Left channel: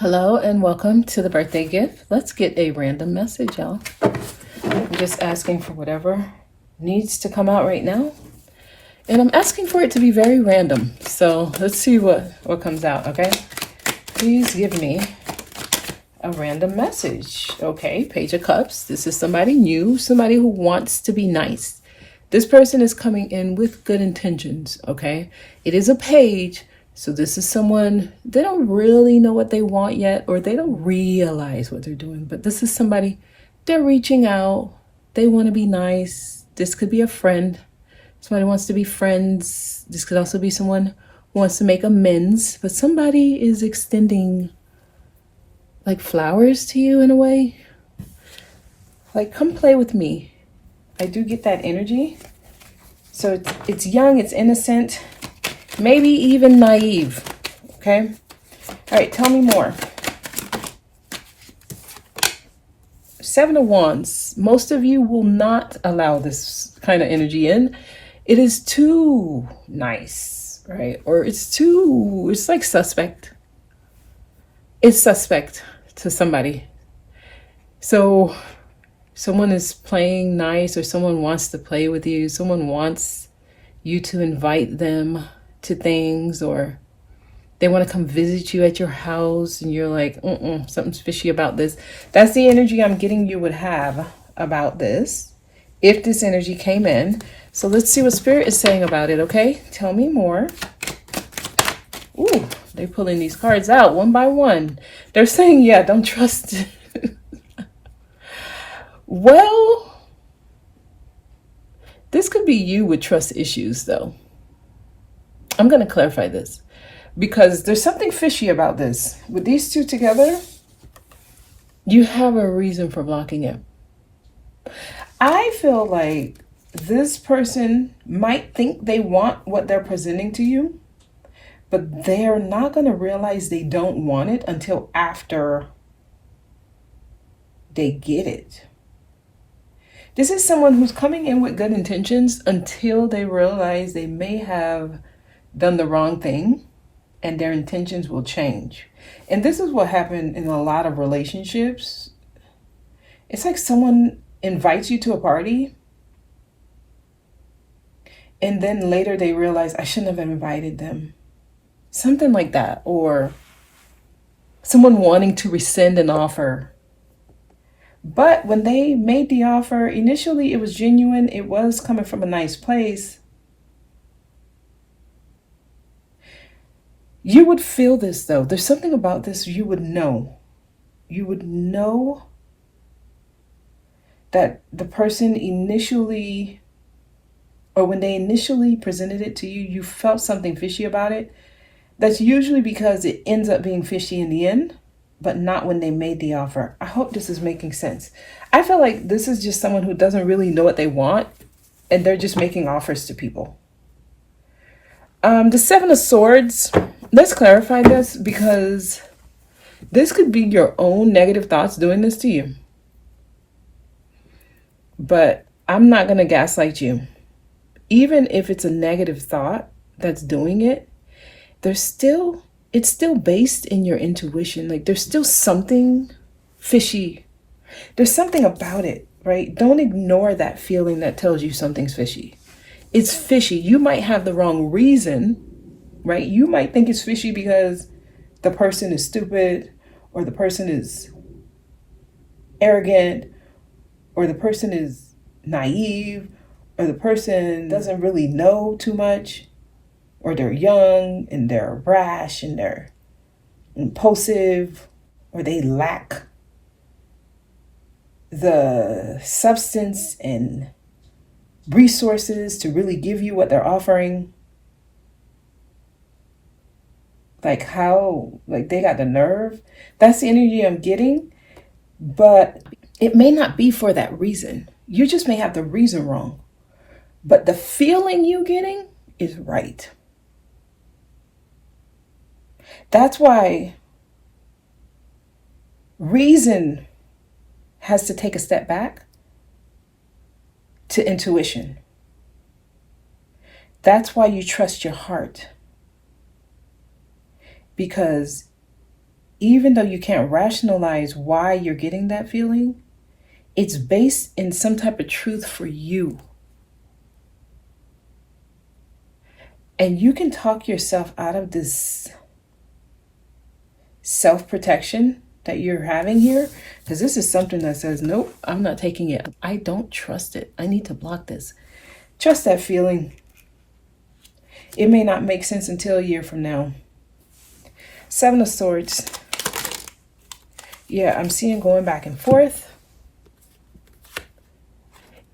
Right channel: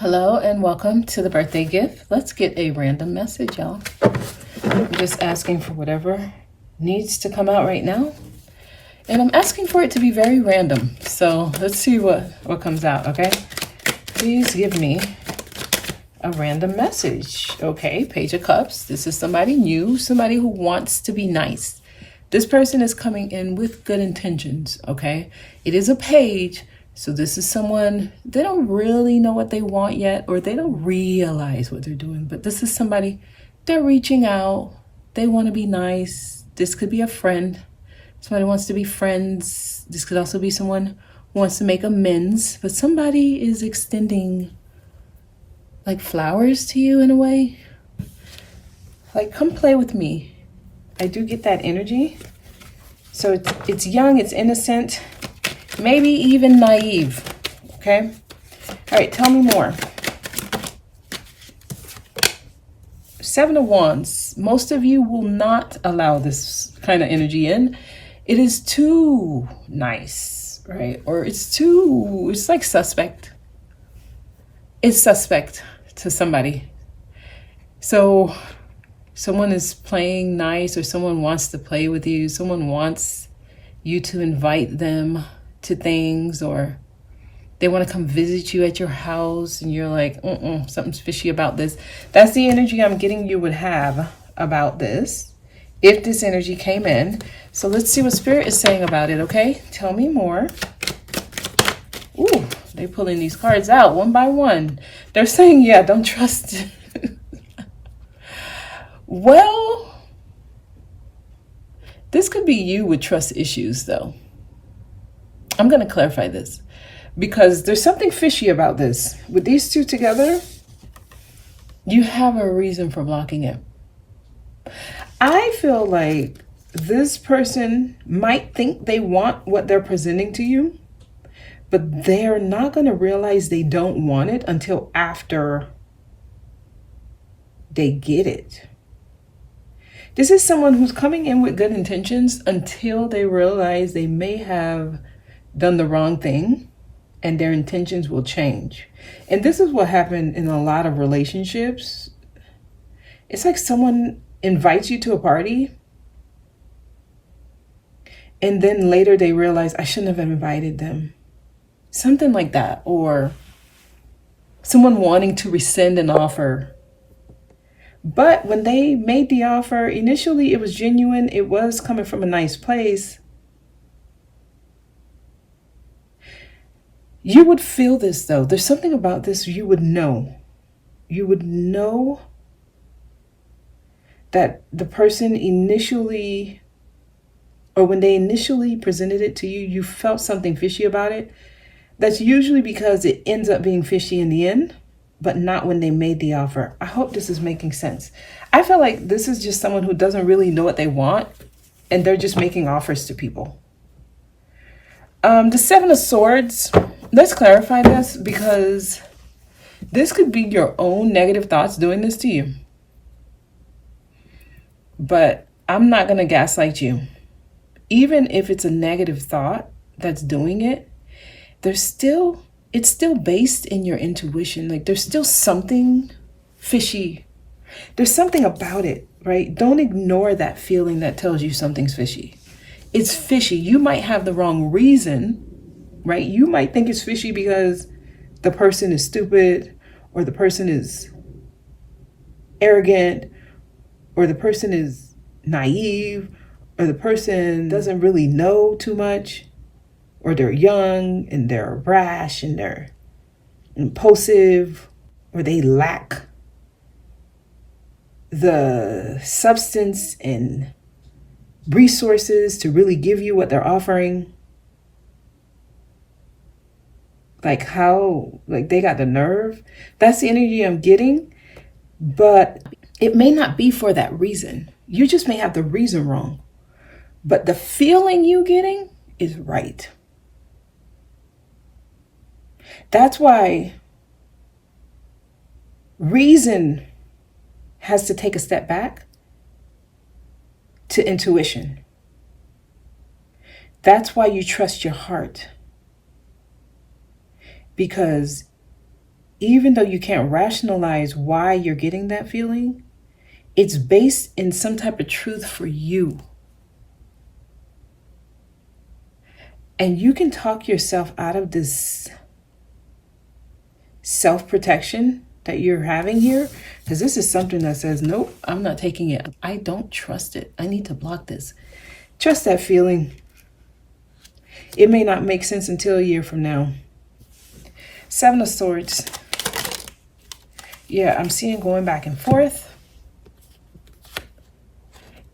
Hello and welcome to the birthday gift. Let's get a random message, y'all. I'm just asking for whatever needs to come out right now. And I'm asking for it to be very random. So let's see what comes out, okay? Please give me a random message. Okay, Page of Cups. This is somebody new, somebody who wants to be nice. This person is coming in with good intentions, okay? It is a page. So this is someone, they don't really know what they want yet, or they don't realize what they're doing. But this is somebody, they're reaching out. They want to be nice. This could be a friend. Somebody wants to be friends. This could also be someone who wants to make amends. But somebody is extending like flowers to you in a way. Like, come play with me. I do get that energy. So it's young, it's innocent. Maybe even naive, okay? All right, tell me more. Seven of Wands. Most of you will not allow this kind of energy in. It is too nice, right? Or it's like suspect. It's suspect to somebody. So someone is playing nice, or someone wants to play with you. Someone wants you to invite them to things, or they want to come visit you at your house and you're like, something's fishy about this. That's the energy I'm getting you would have about this if this energy came in. So let's see what Spirit is saying about it, okay? Tell me more. Ooh, they're pulling these cards out one by one. They're saying, yeah, don't trust it. Well, this could be you with trust issues though. I'm going to clarify this because there's something fishy about this. With these two together, you have a reason for blocking it. I feel like this person might think they want what they're presenting to you, but they're not going to realize they don't want it until after they get it. This is someone who's coming in with good intentions until they realize they may have done the wrong thing and their intentions will change. And this is what happened in a lot of relationships. It's like someone invites you to a party and then later they realize, I shouldn't have invited them. Something like that. Or someone wanting to rescind an offer. But when they made the offer, initially it was genuine. It was coming from a nice place. You would feel this though. There's something about this you would know. You would know that the person initially, or when they initially presented it to you, you felt something fishy about it. That's usually because it ends up being fishy in the end, but not when they made the offer. I hope this is making sense. I feel like this is just someone who doesn't really know what they want, and they're just making offers to people. The Seven of Swords. Let's clarify this because this could be your own negative thoughts doing this to you. But I'm not going to gaslight you. Even if it's a negative thought that's doing it, it's still based in your intuition. Like there's still something fishy. There's something about it, right? Don't ignore that feeling that tells you something's fishy. It's fishy. You might have the wrong reason, right? You might think it's fishy because the person is stupid, or the person is arrogant, or the person is naive, or the person doesn't really know too much, or they're young and they're brash and they're impulsive, or they lack the substance and resources to really give you what they're offering. Like they got the nerve. That's the energy I'm getting. But it may not be for that reason. You just may have the reason wrong. But the feeling you're getting is right. That's why reason has to take a step back to intuition. That's why you trust your heart. Because even though you can't rationalize why you're getting that feeling, it's based in some type of truth for you. And you can talk yourself out of this self-protection that you're having here, because this is something that says, nope, I'm not taking it. I don't trust it. I need to block this. Trust that feeling. It may not make sense until a year from now. Seven of Swords. Yeah, I'm seeing going back and forth.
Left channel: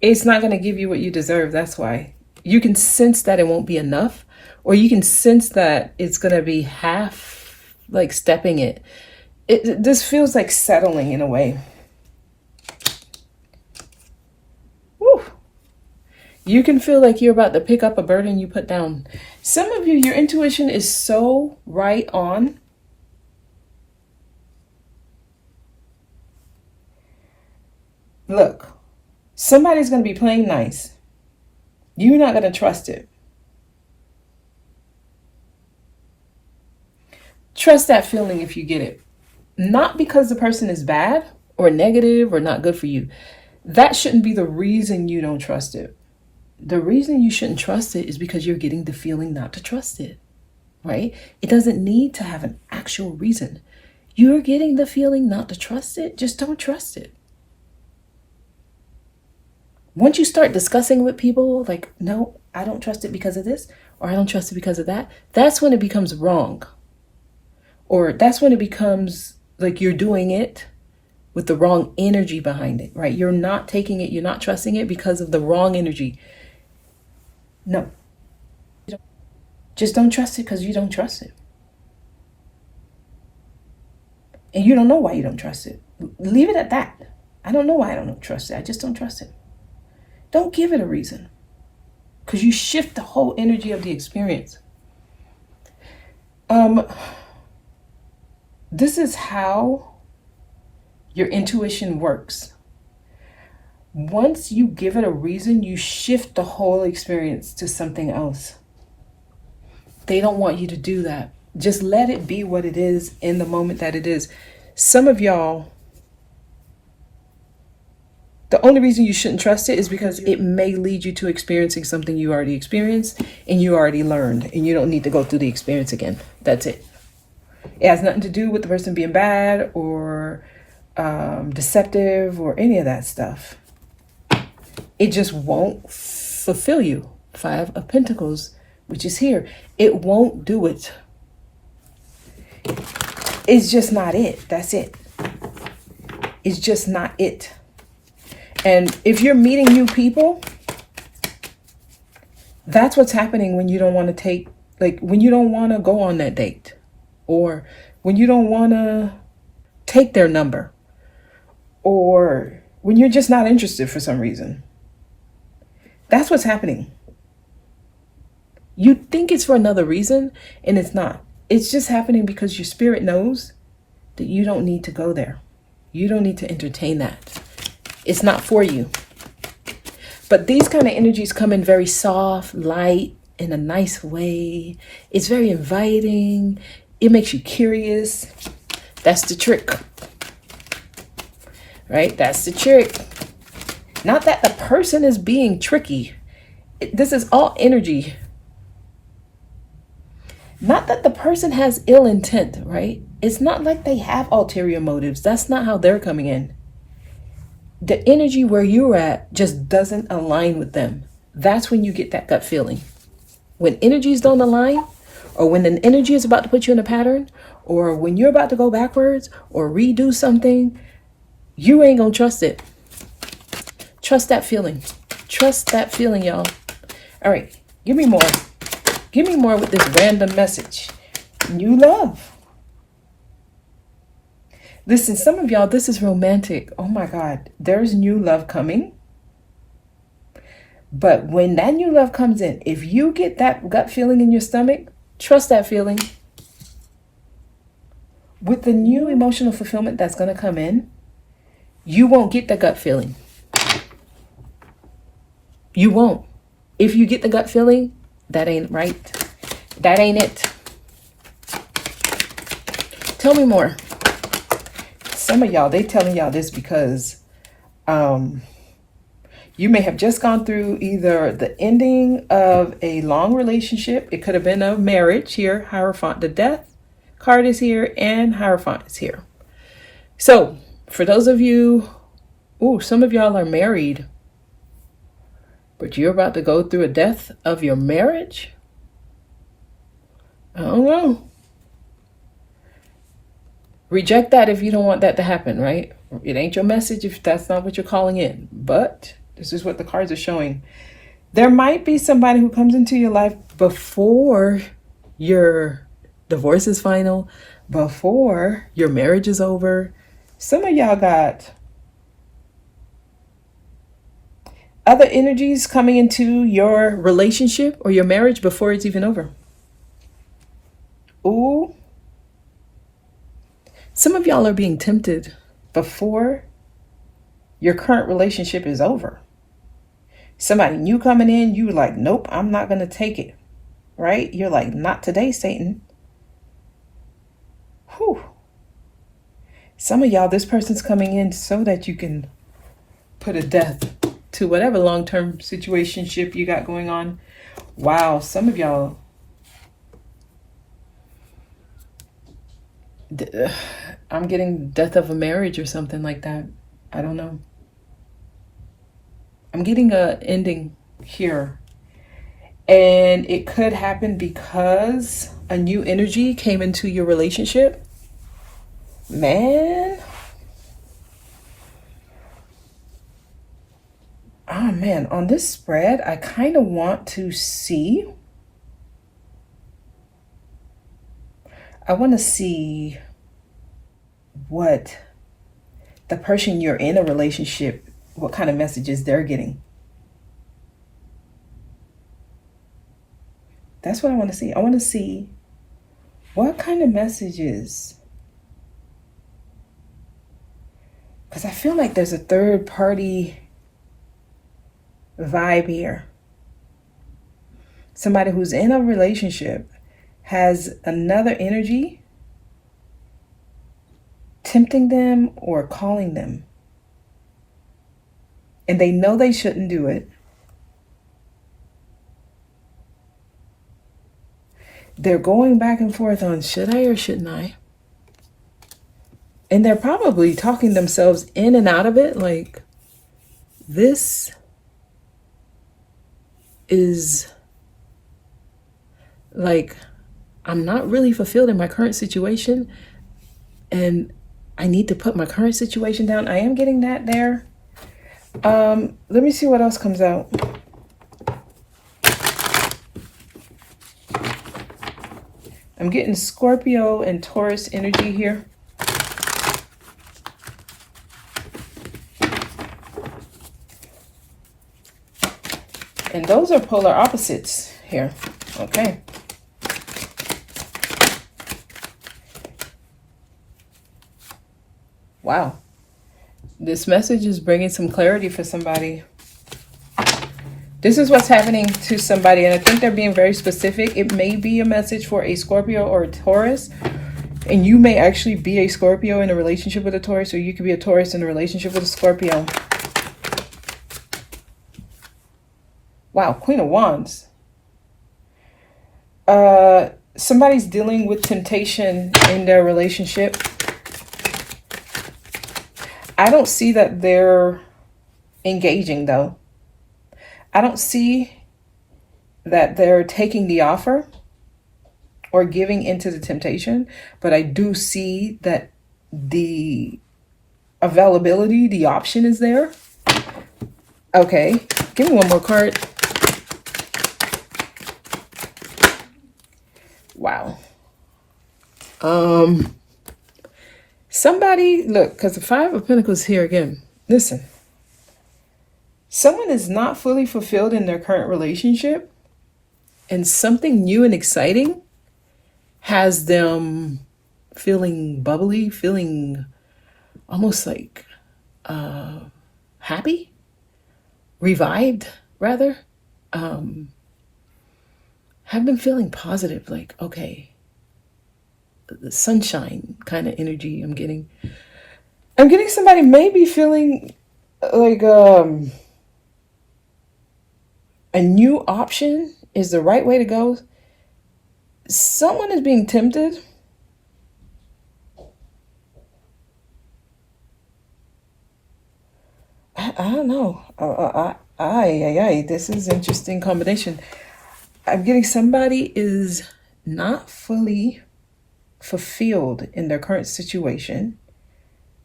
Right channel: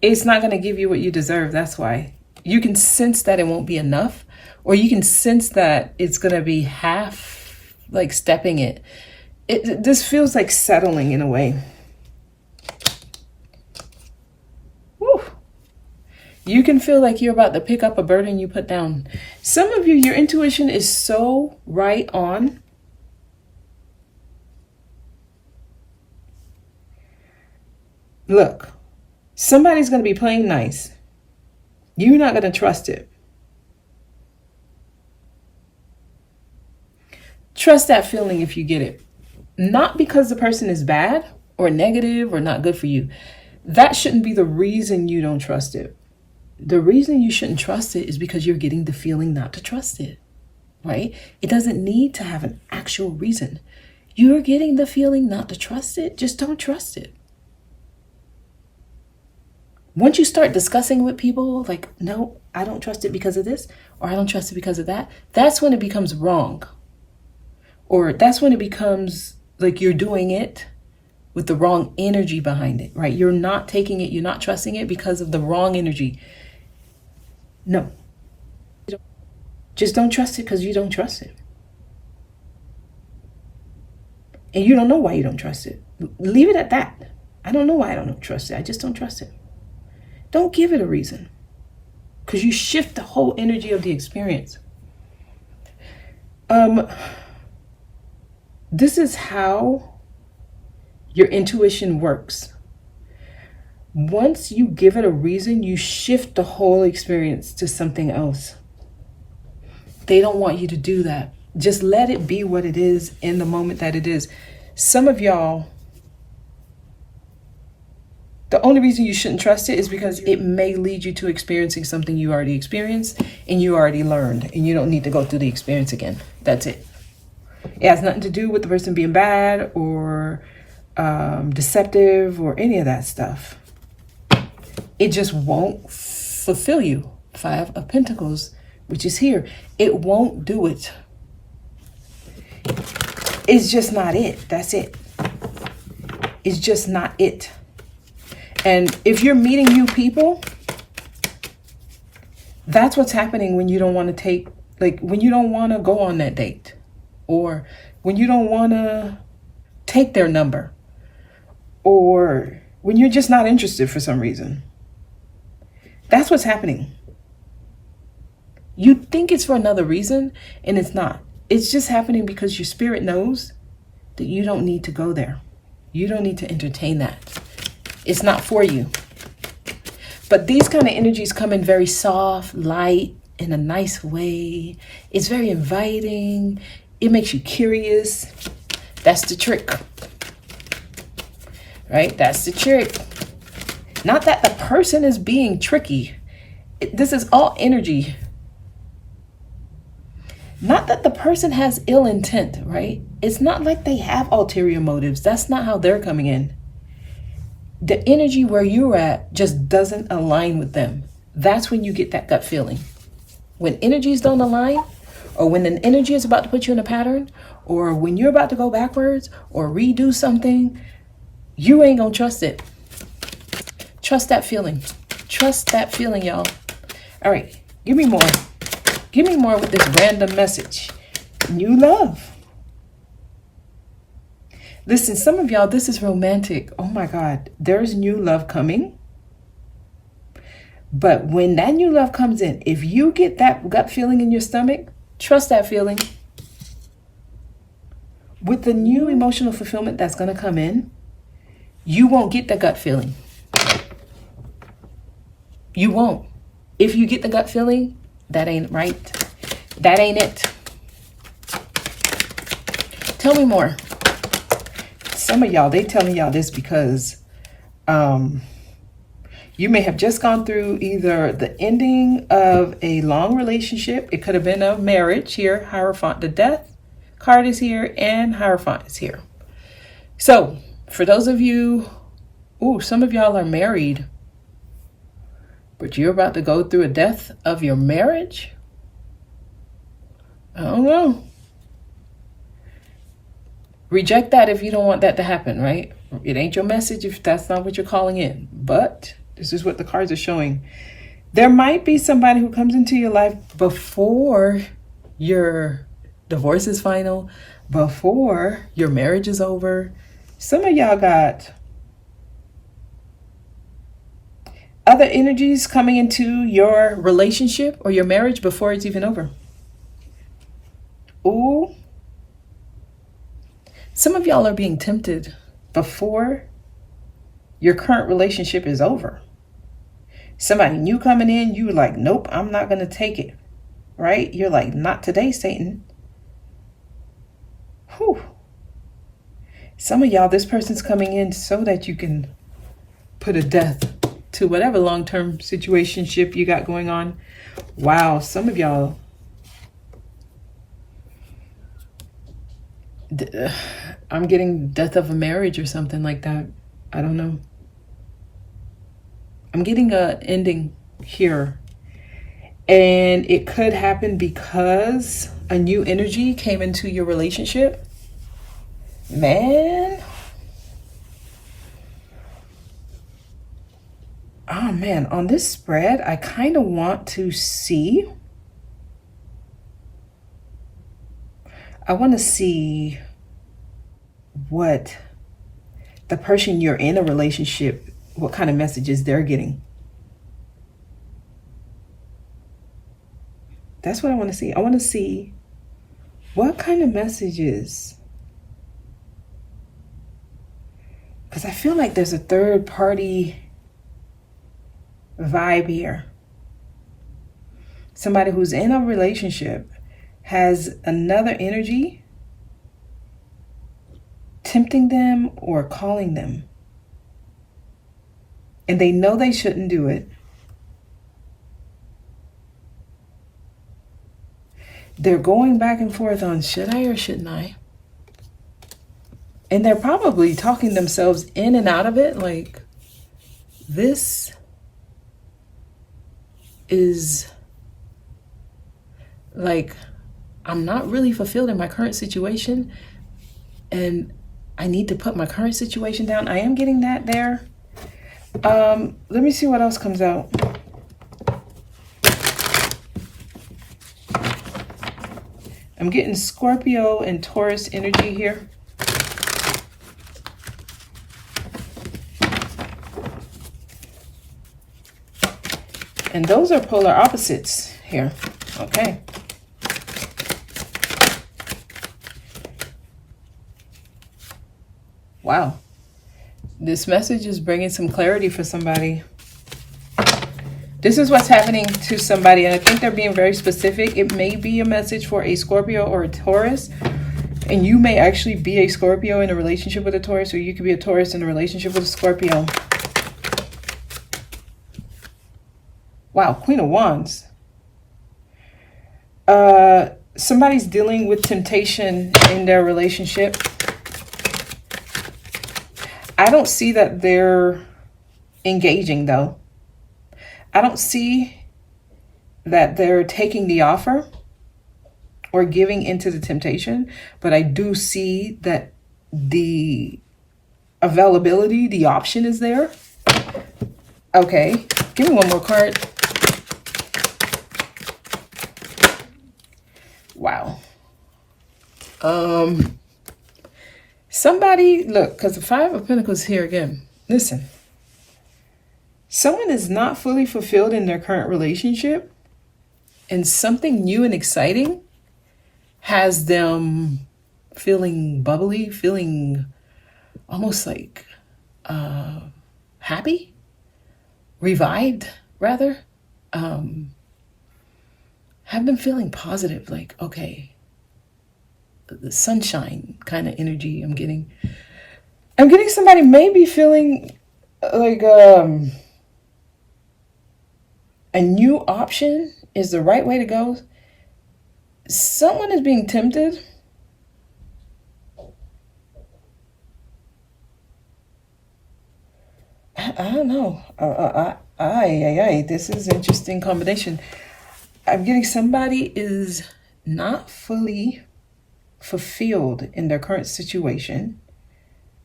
It's not going to give you what you deserve. That's why. You can sense that it won't be enough, or you can sense that it's going to be half, like stepping it. This feels like settling in a way. Woo. You can feel like you're about to pick up a burden you put down. Some of you, your intuition is so right on. Look, somebody's going to be playing nice. You're not going to trust it. Trust that feeling if you get it. Not because the person is bad or negative or not good for you. That shouldn't be the reason you don't trust it. The reason you shouldn't trust it is because you're getting the feeling not to trust it, right? It doesn't need to have an actual reason. You're getting the feeling not to trust it. Just don't trust it. Once you start discussing with people, like, no, I don't trust it because of this, or I don't trust it because of that, that's when it becomes wrong. Or that's when it becomes like you're doing it with the wrong energy behind it, right? You're not taking it, you're not trusting it because of the wrong energy. No. Just don't trust it because you don't trust it. And you don't know why you don't trust it. Leave it at that. I don't know why I don't trust it. I just don't trust it. Don't give it a reason, because you shift the whole energy of the experience. This is how your intuition works. Once you give it a reason, you shift the whole experience to something else. They don't want you to do that. Just let it be what it is in the moment that it is. Some of y'all, the only reason you shouldn't trust it is because it may lead you to experiencing something you already experienced and you already learned, and you don't need to go through the experience again. That's it. It has nothing to do with the person being bad or deceptive or any of that stuff. It just won't fulfill you. Five of Pentacles, which is here. It won't do it. It's just not it. That's it. It's just not it. And if you're meeting new people, that's what's happening when you don't want to take, like when you don't want to go on that date, or when you don't want to take their number, or when you're just not interested for some reason. That's what's happening. You think it's for another reason, and it's not. It's just happening because your spirit knows that you don't need to go there. You don't need to entertain that. It's not for you. But these kind of energies come in very soft, light, in a nice way. It's very inviting. It makes you curious. That's the trick. Right? That's the trick. Not that the person is being tricky. This is all energy. Not that the person has ill intent, right? It's not like they have ulterior motives. That's not how they're coming in. The energy where you're at just doesn't align with them. That's when you get that gut feeling. When energies don't align, or when an energy is about to put you in a pattern, or when you're about to go backwards or redo something, you ain't gonna trust it. Trust that feeling. Trust that feeling, y'all. All right, give me more. Give me more with this random message. New love. Listen, some of y'all, this is romantic. Oh my God, there's new love coming. But when that new love comes in, if you get that gut feeling in your stomach, trust that feeling. With the new emotional fulfillment that's going to come in, you won't get the gut feeling. You won't. If you get the gut feeling, that ain't right. That ain't it. Tell me more. some of y'all, they telling y'all this because you may have just gone through either the ending of a long relationship. It could have been a marriage here. Hierophant, the death card is here and Hierophant is here. So for those of you, some of y'all are married, but you're about to go through a death of your marriage. I don't know. Reject that if you don't want that to happen, right? It ain't your message if that's not what you're calling in. But this is what the cards are showing. There might be somebody who comes into your life before your divorce is final, before your marriage is over. Some of y'all got other energies coming into your relationship or your marriage before it's even over. Ooh. Some of y'all are being tempted before your current relationship is over. Somebody new coming in, you like, nope, I'm not going to take it. Right? You're like, not today, Satan. Whew. Some of y'all, this person's coming in so that you can put a death to whatever long-term situationship you got going on. Wow, some of y'all, I'm getting death of a marriage or something like that. I don't know. I'm getting a ending here. And it could happen because a new energy came into your relationship. Man. Oh man, on this spread, I kind of want to see. I want to see what the person you're in a relationship, what kind of messages they're getting. That's what I want to see. I want to see what kind of messages. Because I feel like there's a third party vibe here. Somebody who's in a relationship has another energy tempting them or calling them. And they know they shouldn't do it. They're going back and forth on, should I or shouldn't I? And they're probably talking themselves in and out of it. Like, this is like, I'm not really fulfilled in my current situation. And I need to put my current situation down. I am getting that there. Let me see what else comes out. I'm getting Scorpio and Taurus energy here. And those are polar opposites here. Okay. Wow. This message is bringing some clarity for somebody. This is what's happening to somebody, and I think they're being very specific. It may be a message for a Scorpio or a Taurus, and you may actually be a Scorpio in a relationship with a Taurus, or you could be a Taurus in a relationship with a Scorpio. Wow, Queen of Wands. Somebody's dealing with temptation in their relationship. I don't see that they're engaging, though. I don't see that they're taking the offer or giving into the temptation, but I do see that the availability, the option is there. Okay, give me one more card. Wow. Somebody, look, because the Five of Pentacles here again. Listen. Someone is not fully fulfilled in their current relationship, and something new and exciting has them feeling bubbly, feeling almost like happy, revived, rather. Have them feeling positive, like, okay, the sunshine kind of energy I'm getting. I'm getting somebody maybe feeling like a new option is the right way to go. Someone is being tempted. I don't know. This is an interesting combination. I'm getting somebody is not fully fulfilled in their current situation,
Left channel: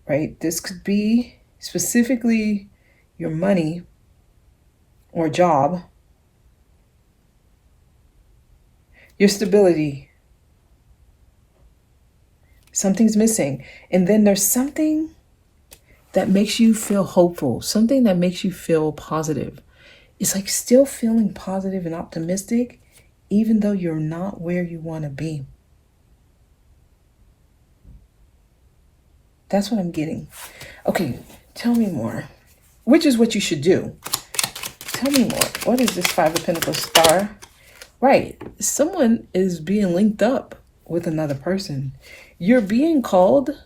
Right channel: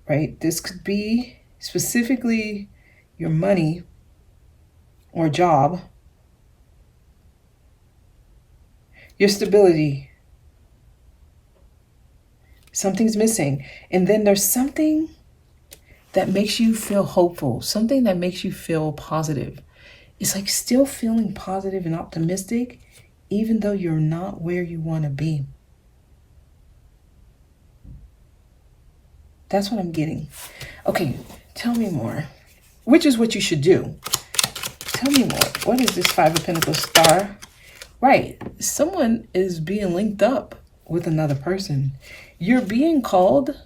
right? This could be specifically your money or job, your stability. Something's missing. And then there's something that makes you feel hopeful, something that makes you feel positive. It's like still feeling positive and optimistic, even though you're not where you want to be. That's what I'm getting. Okay, tell me more. Which is what you should do. Tell me more. What is this Five of Pentacles star? Right, someone is being linked up with another person. You're being called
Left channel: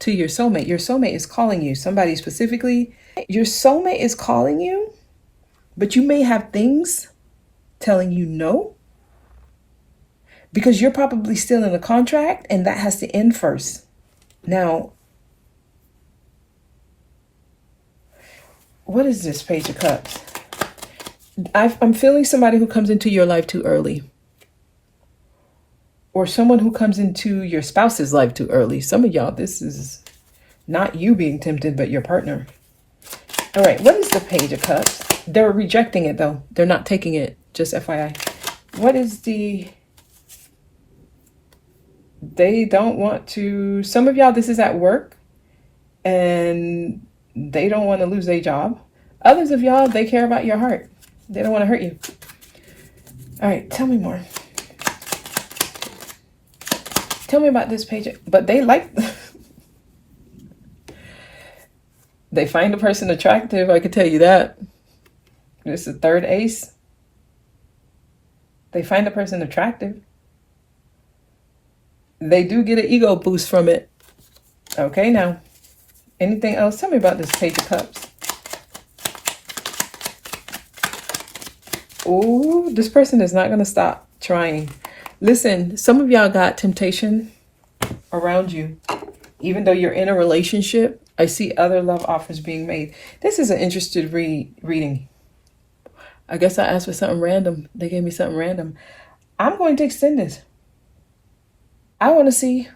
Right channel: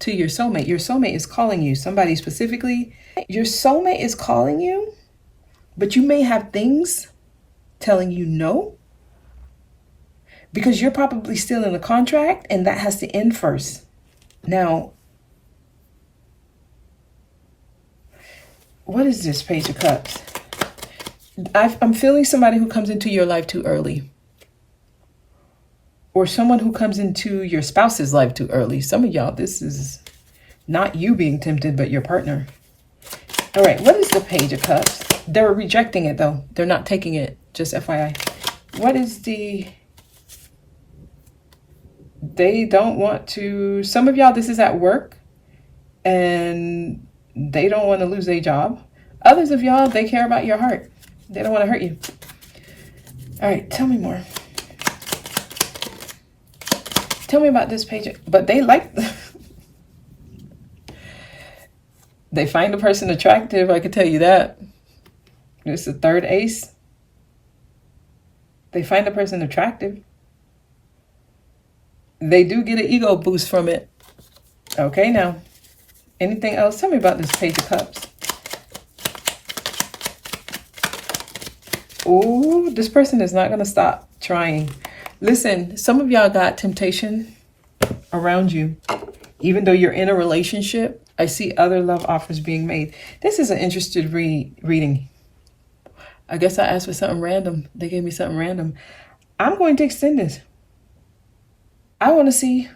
to your soulmate. Your soulmate is calling you. Somebody specifically. Your soulmate is calling you, but you may have things telling you no, because you're probably still in a contract and that has to end first. Now, what is this Page of Cups? I'm feeling somebody who comes into your life too early. Or someone who comes into your spouse's life too early. Some of y'all, this is not you being tempted, but your partner. All right, what is the Page of Cups? They're rejecting it, though. They're not taking it, just FYI. What is the... They don't want to... Some of y'all, this is at work, and they don't want to lose their job. Others of y'all, they care about your heart. They don't want to hurt you. All right, tell me more. Tell me about this page. But they like... They find a person attractive, I can tell you that. It's the third ace. They find a person attractive. They do get an ego boost from it. Okay, now. Anything else? Tell me about this Page of Cups. Ooh, this person is not going to stop trying. Listen, some of y'all got temptation around you. Even though you're in a relationship, I see other love offers being made. This is an interested reading. I guess I asked for something random. They gave me something random. I'm going to extend this. I want to see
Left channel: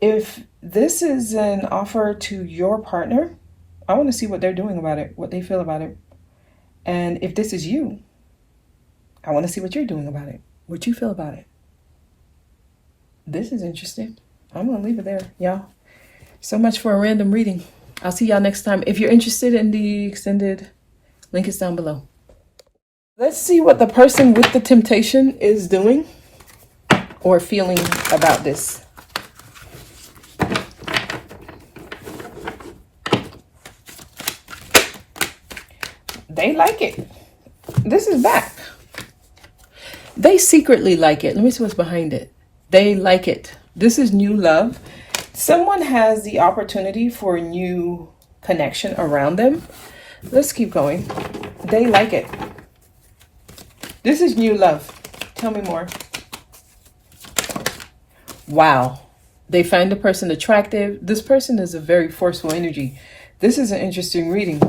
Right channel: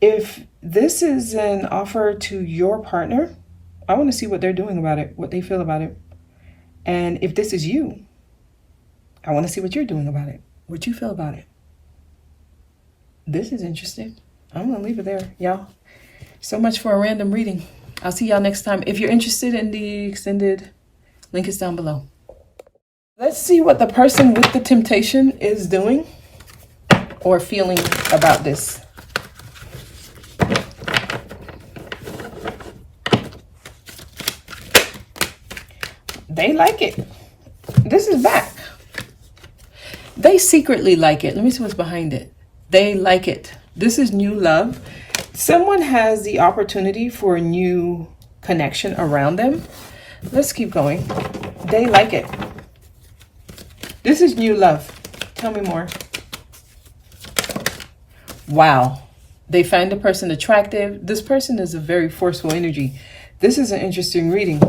if this is an offer to your partner. I want to see what they're doing about it, what they feel about it. And if this is you, I want to see what you're doing about it, what you feel about it. This is interesting. I'm going to leave it there, y'all. So much for a random reading. I'll see y'all next time. If you're interested in the extended, link is down below. Let's see what the person with the temptation is doing or feeling about this. They like it. This is back. They secretly like it. Let me see what's behind it. They like it. This is new love. Someone has the opportunity for a new connection around them. Let's keep going. They like it. This is new love. Tell me more. Wow. They find the person attractive. This person is a very forceful energy. This is an interesting reading.